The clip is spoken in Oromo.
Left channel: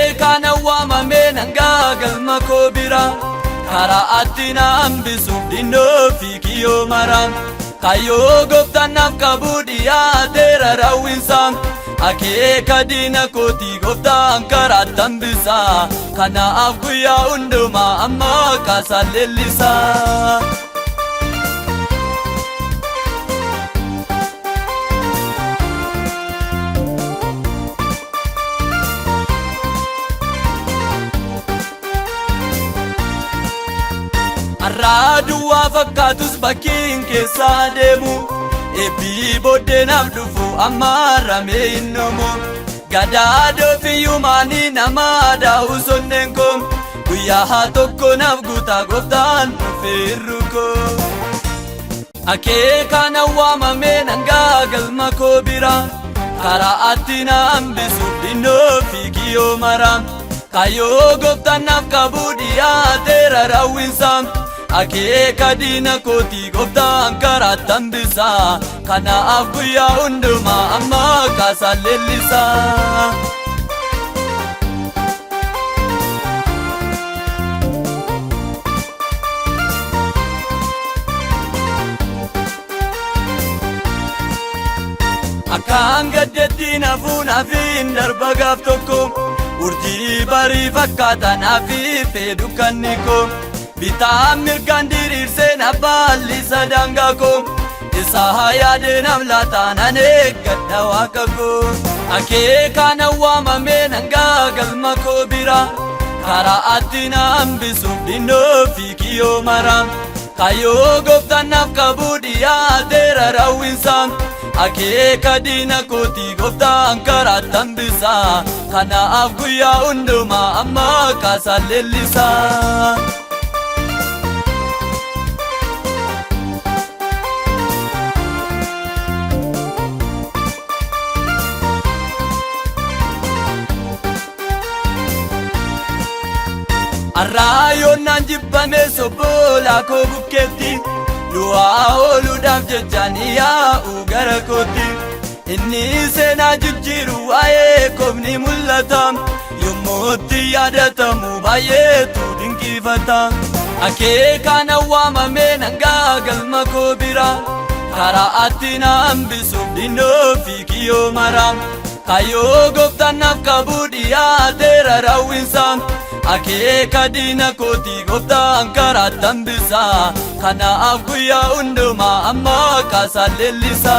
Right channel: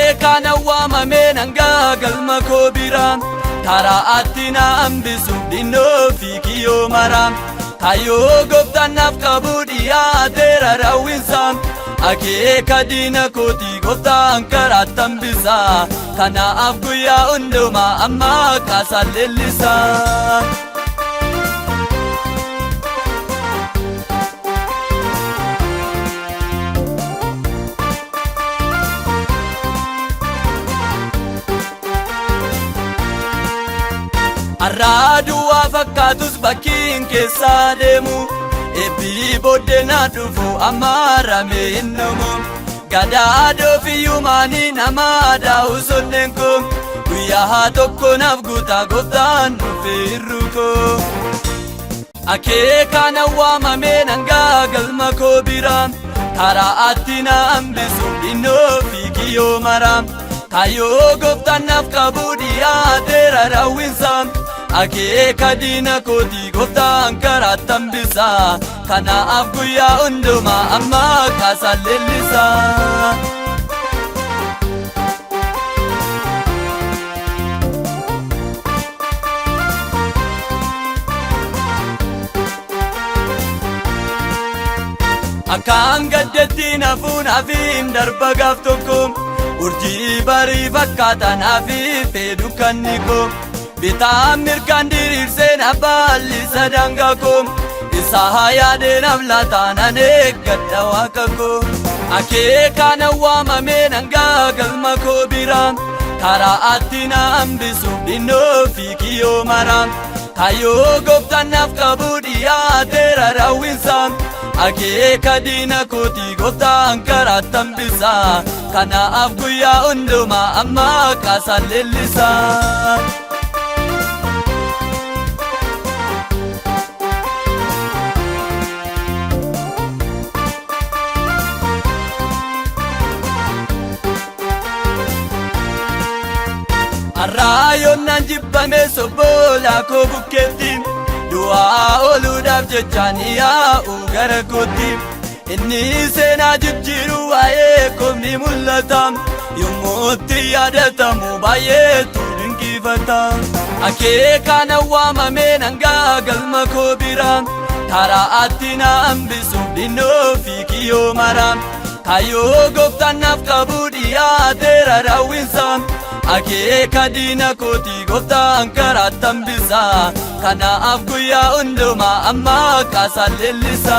Akeekana waamamee nangaa galma koo biraan karaa atti na hambisu innoo fi kiyyoo maraan kayyoo gooftannaaf qabu dhiyaateera raawwisaa akeeka diina kooti gooftaan karaatti hambisaa kanaaf guyyaa hundumaa amma kaasaa leellisaa. Arraaduu fakkaatus bakkiin keessaa deemu eebbii booddeenaa dhufu amaaramee innumu gadaadoo fi yuumaanii namaa daa'u sonneen koo guyyaa tokko naaf guutaa gooftaan dhufeerru koo. Akeekana waamamee nangaa galma koo biraan karaa atti na hambisu innoo fi kiyyoo maraan kayyoo gooftaan naaf qabu dhiyaateera raawwisaa. Akeeka diina kooti gooftaan karaatti hambisaa kanaaf guyyaa hundumaa amma kaasaa leellisaa. Akkaan gaddeetti nafuun hafiin darba gaaf tokko urjii barii fakkaataan hafiin fedhu kan ni koo. Bitaan mirgaan diriirseen abbaalli sadangaa koo isaa yaadeen amlaataan aneeggadda waaqa koo. Akeekana waamamee nangaa galma koo biraan karaa atti na hambisu innoo fi kiyyoo maraan kayyoo gooftannaaf qabu dhiyaateera raawwisaa akeeka diina kooti gooftaan karaatti hambisaa kanaaf guyyaa hundumaa amma kaasaa leellisaa. Soboola koo bukkeetti du'aa ooluudhaaf jechaan yaa'u gara kootti inni seenaa jijjiiru waa'ee koofni mul'ata yommootti yaadatamu baay'eetu dinqifata. Akeekana waamamee nangaa galma koo biraan karaa atti na hambisu innoo fi kiyyoo maraan kayyoo gooftannaaf qabu dhiyaateera raawwisaa akeeka diina kooti gooftaan karaatti hambisaa kanaaf guyyaa hundumaa amma kaasaa leellisaa.